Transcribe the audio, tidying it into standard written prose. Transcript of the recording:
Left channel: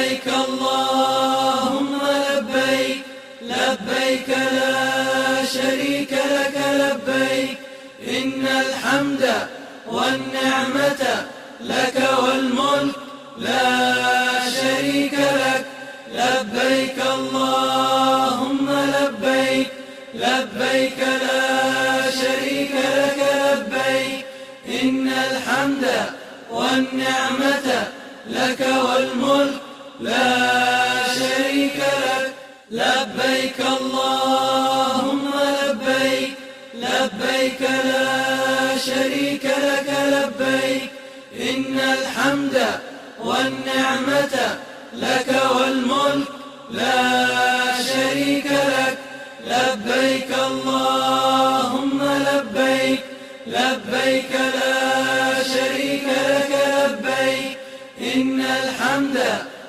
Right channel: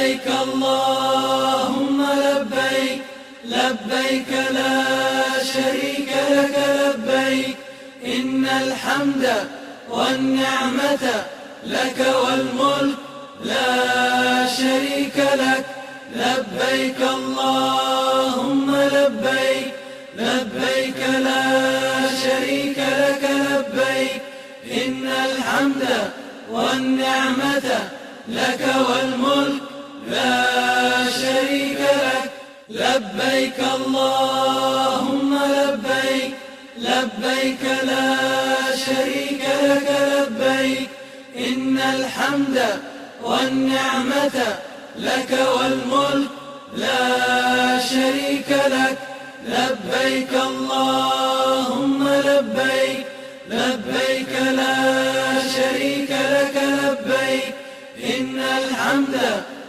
لبيك اللهم لبيك، لبيك لا شريك لك لبيك، إن الحمد والنعمة لك والملك لا شريك لك. لبيك اللهم لبيك، لبيك لا شريك لك لبيك، إن الحمد والنعمة لك والملك لا شريك لك. لبيك اللهم لبيك، لبيك لا شريك لك لبيك، إن الحمد والنعمة لك